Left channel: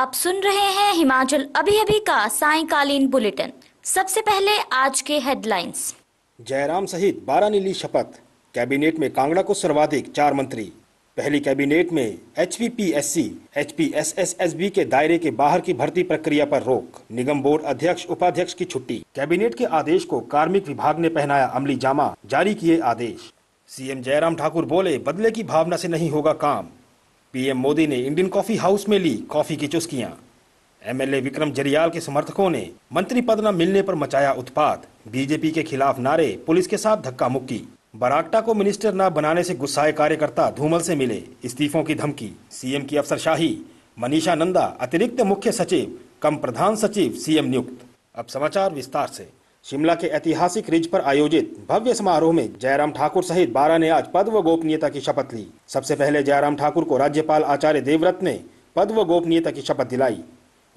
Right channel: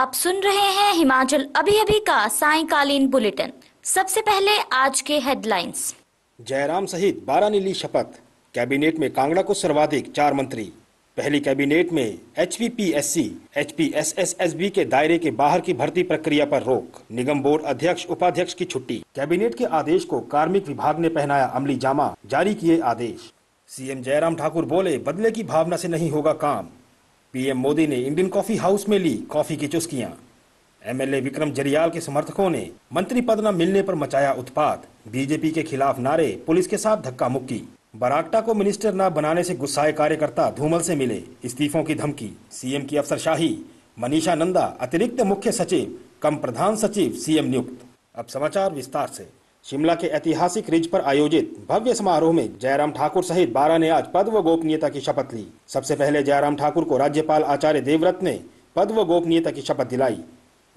आप सुन रहे हैं हिमाचल अभी अभी का सायंकालीन बुलेटिन। सबसे पहले आज के हेडलाइंस। जयराम सहित 12 ने ली शपथ। कैबिनेट में कांगड़ा को सर्वाधिक 4 मंत्री। पहली कैबिनेट में HPPSC, HPSSSB के दायरे के बाहर की भर्ती प्रक्रिया पर रोक। निगम बोर्ड अध्यक्ष उपाध्यक्ष की छुट्टी। कैबिनेट के आदेश को कार्मिक विभाग ने पहनाया अमली जामा, जारी किए आदेश। सीएम जयराम ठाकुर बोले, बदले की भावना से नहीं होगा काम। पीएम मोदी ने इंडियन कॉफी हाउस में ली कॉफी की चुस्कियां। एमएलए विक्रम जरियाल के समर्थकों ने मंत्री पद न मिलने पर मचाया उत्पात। बीजेपी के खिलाफ नारे, पुलिस के साथ धक्का मुक्की। बरागटा को मिनिस्टर न बनाने से गुस्साए कार्यकर्ता धूमल से मिले, इस्तीफों की धमकी। सीएम की अफसरशाही, मनीषा नंदा अतिरिक्त मुख्य सचिव कम प्रधान सचिव सीएम नियुक्त। अब समाचार विस्तार से। शिमला के ऐतिहासिक रिज पर आयोजित भव्य समारोह में जयराम ठाकुर सहित 12 ने आज पद व गोपनीयता की शपथ ली। सबसे पहले जयराम ठाकुर को राज्यपाल आचार्य देवव्रत ने पद व गोपनीयता की शपथ दिलाई।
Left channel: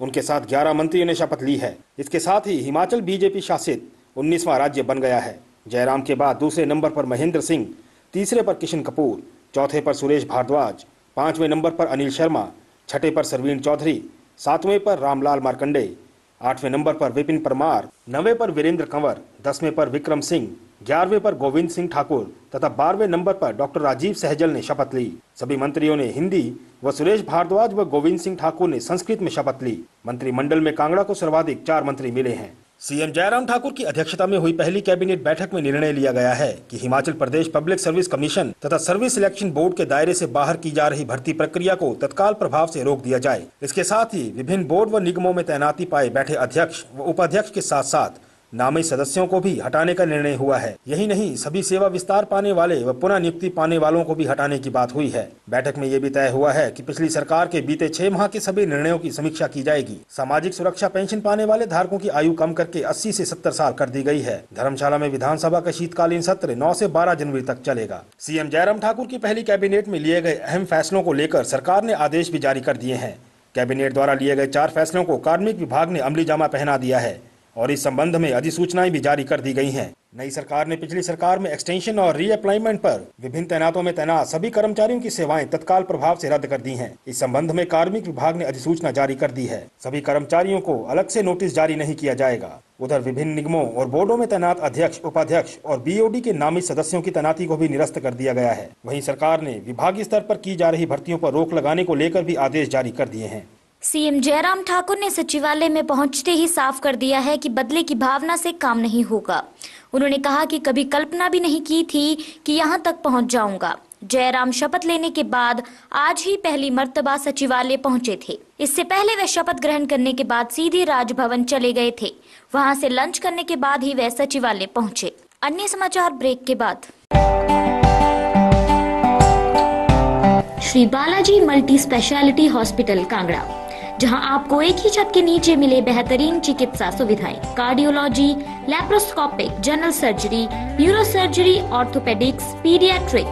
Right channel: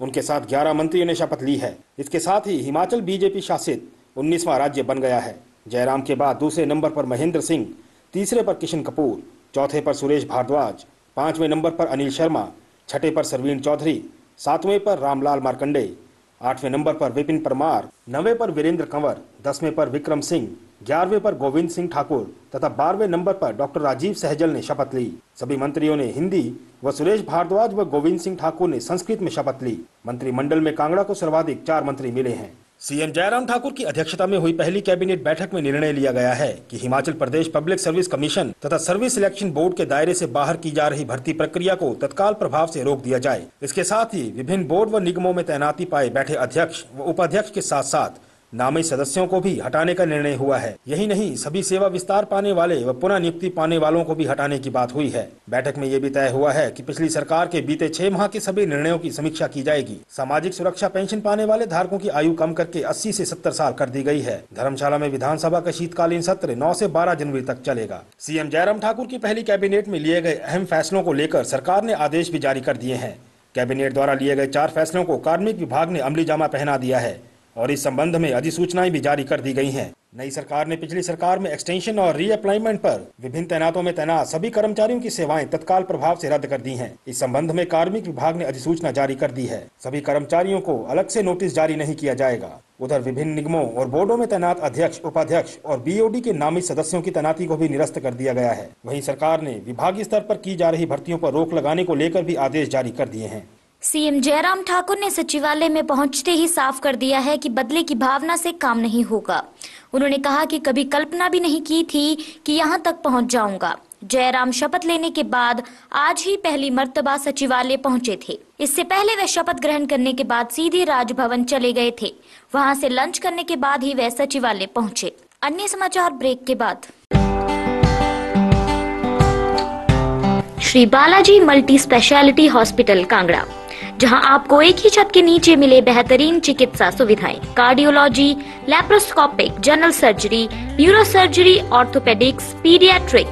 उनके साथ 11 मंत्रियों ने शपथ ली है। इसके साथ ही हिमाचल बीजेपी शासित 19वां राज्य बन गया है। जयराम के बाद दूसरे नंबर पर महेंद्र सिंह, तीसरे पर किशन कपूर, चौथे पर सुरेश भारद्वाज, 5वें नंबर पर अनिल शर्मा, छठे पर सरवीण चौधरी, 7वें पर रामलाल मार्कंडे, 8वें नंबर पर विपिन परमार, 9वें पर वीरेंद्र कंवर, 10वें पर विक्रम सिंह, 11वें पर गोविंद सिंह ठाकुर तथा 12वें नंबर पर डॉक्टर राजीव सहजल ने शपथ ली। सभी मंत्रियों ने हिंदी व सुरेश भारद्वाज व गोविंद सिंह ठाकुर ने संस्कृत में शपथ ली। मंत्रिमंडल में कांगड़ा को सर्वाधिक 4 मंत्री मिले हैं। सीएम जयराम ठाकुर की अध्यक्षता में हुई पहली कैबिनेट बैठक में निर्णय लिया गया है कि Himachal Pradesh public service commission तथा सर्विस सिलेक्शन बोर्ड के दायरे से बाहर की जा रही भर्ती प्रक्रिया को तत्काल प्रभाव से रोक दिया जाए। इसके साथ ही विभिन्न बोर्ड व निगमों में तैनाती पाए बैठे अध्यक्ष व उपाध्यक्ष के साथ साथ नामित सदस्यों को भी हटाने का निर्णय हुआ है। यही नहीं, सभी सेवा विस्तार पाने वाले व पुनः नियुक्ति पाने वालों को भी हटाने की बात हुई है। बैठक में ये भी तय हुआ है कि पिछली सरकार के बीते 6 माह के सभी निर्णयों की समीक्षा की जाएगी। सामाजिक सुरक्षा पेंशन पाने वाले धारकों की आयु कम करके 80 से 70 साल कर दी गई है। धर्मशाला में विधानसभा का शीतकालीन सत्र 9 से 12 जनवरी तक चलेगा। सीएम जयराम ठाकुर की पहली कैबिनेट में लिए गए अहम फैसलों को लेकर सरकार ने आदेश भी जारी कर दिए हैं। कैबिनेट द्वारा लिए गए 4 फैसलों को कार्मिक विभाग ने अमली जामा पहना दिया है और इस संबंध में अधिसूचनाएं भी जारी कर दी गई हैं। नई सरकार ने पिछली सरकार में एक्सटेंशन और रीअप्लाइमेंट पर विभिन्न तैनातों में तैनात सभी कर्मचारियों की सेवाएं तत्काल प्रभाव से रद्द कर दी हैं। इस संबंध में कार्मिक विभाग ने अधिसूचना जारी कर दी है। सभी कर्मचारियों को अलग से नोटिस जारी नहीं किया जाएगा। उधर विभिन्न निगमों और बोर्डों में तैनात अध्यक्ष, उपाध्यक्ष और BOD के नामित सदस्यों की तैनाती को भी निरस्त कर दिया गया है। वहीं सरकार ने विभागीय स्तर पर की जा रही भर्तियों पर रोक लगाने को लेकर भी आदेश जारी कर दिए हैं। सीएम जयराम ठाकुर ने सचिवालय में पहुंचते ही साफ कर दिया है कि बदले की भावना से काम नहीं होगा। उन्होंने कहा कि कभी कल्पना भी नहीं की थी कि यहां तक पहुंच जाऊंगा। जयराम शपथ लेने के बाद आज ही पहली मर्तबा सचिवालय पहुंचे थे। इससे पहले वे शपथ ग्रहण करने के बाद सीधे राजभवन चले गए थे। वहां से लंच करने के बाद ही वे सचिवालय पहुंचे। अन्य समाचार ब्रेक के बाद। Shri Balaji multi speciality hospital Kangra, जहां आपको एक ही छत के नीचे मिले बेहतरीन चिकित्सा सुविधाएं, cardiology, laparoscopic, general surgery, neuro surgery, orthopaedics, paediatric,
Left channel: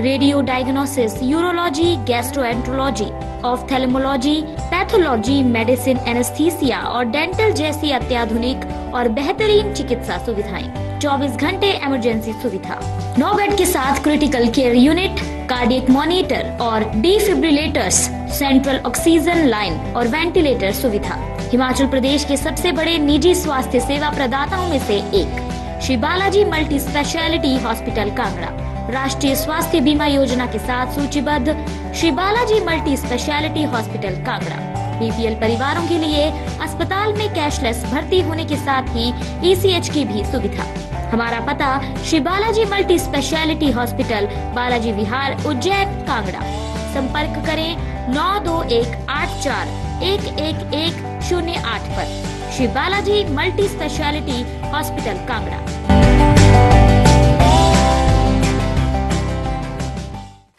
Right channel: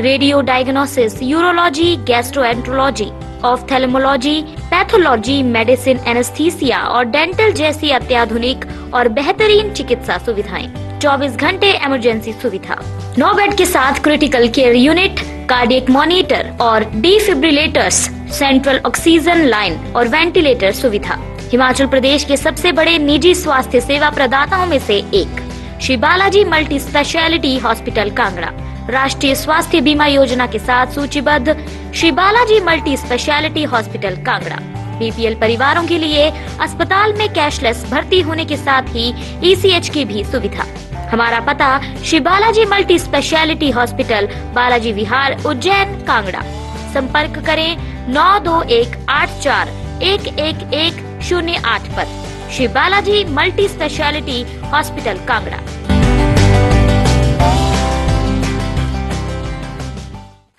radio diagnosis, urology, gastroenterology, ophthalmology, pathology, medicine, anaesthesia और डेंटल जैसी अत्याधुनिक और बेहतरीन चिकित्सा सुविधाएं, 24 घंटे इमरजेंसी सुविधा, 9 बेड के साथ critical care unit, cardiac monitor और डिफिब्रिलेटर्स, सेंट्रल ऑक्सीजन लाइन और वेंटिलेटर सुविधा। हिमाचल प्रदेश के सबसे बड़े निजी स्वास्थ्य सेवा प्रदाताओं में से एक Shri Balaji multi speciality hospital Kangra राष्ट्रीय स्वास्थ्य बीमा योजना के साथ सूचीबद्ध Shri Balaji multi speciality hospital Kangra BPL परिवारों के लिए अस्पताल में कैशलेस भर्ती होने के साथ ही ECH की भी सुविधा। हमारा पता Shri Balaji multi speciality hospital, Balaji Vihar, Ujjain, Kangra. संपर्क करें 9218411108 पर। Shri Balaji multi speciality hospital Kangra.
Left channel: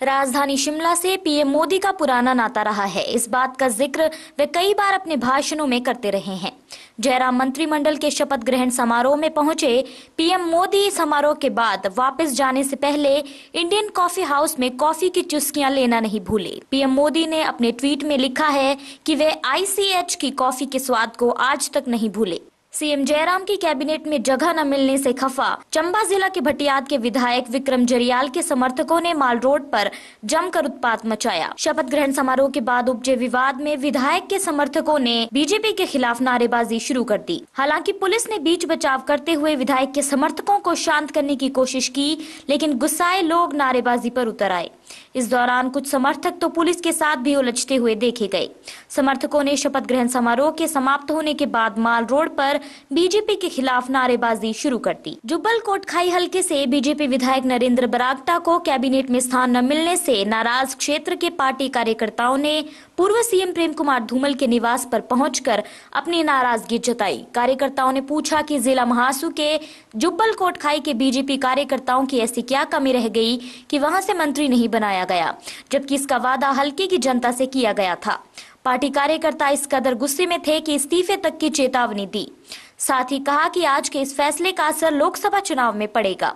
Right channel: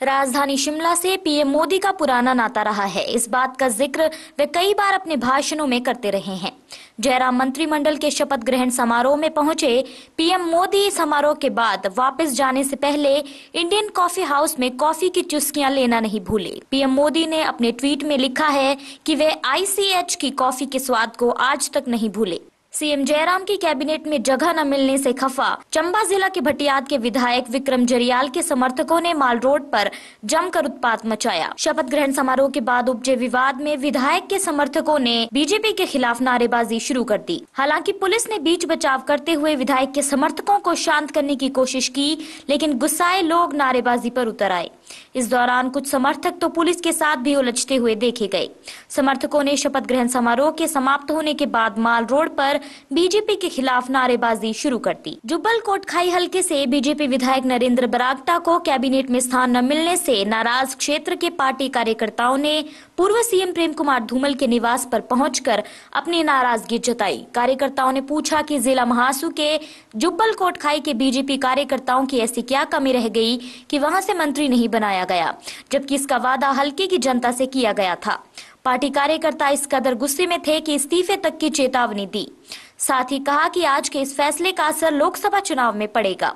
राजधानी शिमला से पीएम मोदी का पुराना नाता रहा है। इस बात का जिक्र वे कई बार अपने भाषणों में करते रहे हैं। जयराम मंत्रिमंडल के शपथ ग्रहण समारोह में पहुंचे पीएम मोदी समारोह के बाद वापस जाने से पहले इंडियन कॉफी हाउस में कॉफी की चुस्कियां लेना नहीं भूले। पीएम मोदी ने अपने ट्वीट में लिखा है कि वे ICH की कॉफी के स्वाद को आज तक नहीं भूले। सीएम जयराम की कैबिनेट में जगह न मिलने से खफा चंबा जिला के भटियात के विधायक विक्रम जरियाल के समर्थकों ने माल रोड पर जमकर उत्पात मचाया। शपथ ग्रहण समारोह के बाद उपजे विवाद में विधायक के समर्थकों ने बीजेपी के खिलाफ नारेबाजी शुरू कर दी। हालांकि पुलिस ने बीच बचाव करते हुए विधायक के समर्थकों को शांत करने की कोशिश की, लेकिन गुस्साए लोग नारेबाजी पर उतर आए। इस दौरान कुछ समर्थक तो पुलिस के साथ भी उलझते हुए देखे गए। समर्थकों ने शपथ ग्रहण समारोह के समाप्त होने के बाद माल रोड पर बीजेपी के खिलाफ नारेबाजी शुरू कर दी। जुब्बल कोटखाई हलके से बीजेपी विधायक नरेंद्र बरागटा को कैबिनेट में स्थान न मिलने से नाराज क्षेत्र के पार्टी कार्यकर्ताओं ने पूर्व सीएम प्रेम कुमार धूमल के निवास पर पहुंचकर अपनी नाराजगी जताई। कार्यकर्ताओं ने पूछा कि जिला महासू के जुब्बल कोटखाई के बीजेपी कार्यकर्ताओं की ऐसी क्या कमी रह गई कि वहां से मंत्री नहीं बनाया गया, जबकि इसका वादा हलके की जनता से किया गया था। पार्टी कार्यकर्ता इस कदर गुस्से में थे कि इस्तीफे तक की चेतावनी दी। साथ ही कहा कि आज के इस फैसले का असर लोकसभा चुनाव में पड़ेगा।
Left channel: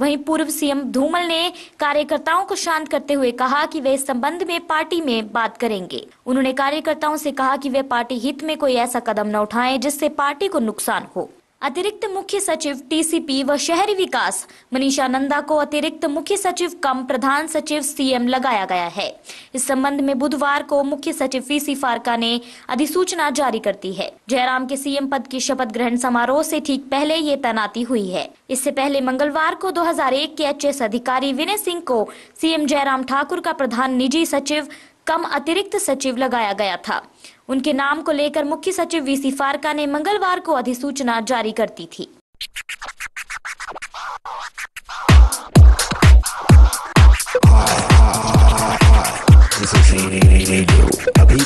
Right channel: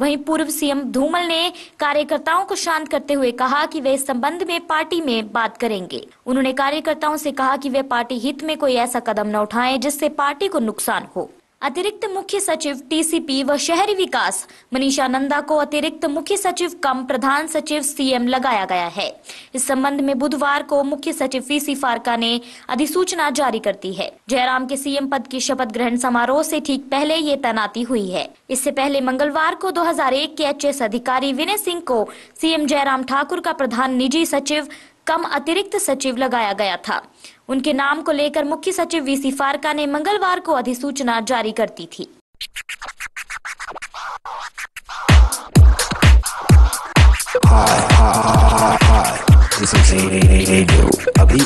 वहीं पूर्व सीएम धूमल ने कार्यकर्ताओं को शांत करते हुए कहा कि वे इस संबंध में पार्टी में बात करेंगे। उन्होंने कार्यकर्ताओं से कहा कि वे पार्टी हित में कोई ऐसा कदम न उठाएं जिससे पार्टी को नुकसान हो। अतिरिक्त मुख्य सचिव टीसीपी व शहरी विकास मनीषा नंदा को अतिरिक्त मुख्य सचिव कम प्रधान सचिव सीएम लगाया गया है। इस संबंध में बुधवार को मुख्य सचिव पीसी फारका ने अधिसूचना जारी कर दी है। जयराम के सीएम पद की शपथ ग्रहण समारोह से ठीक पहले ये तैनाती हुई है। इससे पहले मंगलवार को 2001 के एचएस अधिकारी विनय सिंह को सीएम जयराम ठाकुर का प्रधान निजी सचिव कम अतिरिक्त सचिव लगाया गया था। उनके नाम को लेकर मुख्य सचिव वीसी फारका ने मंगलवार को अधिसूचना जारी कर दी थी। This is Radio अभी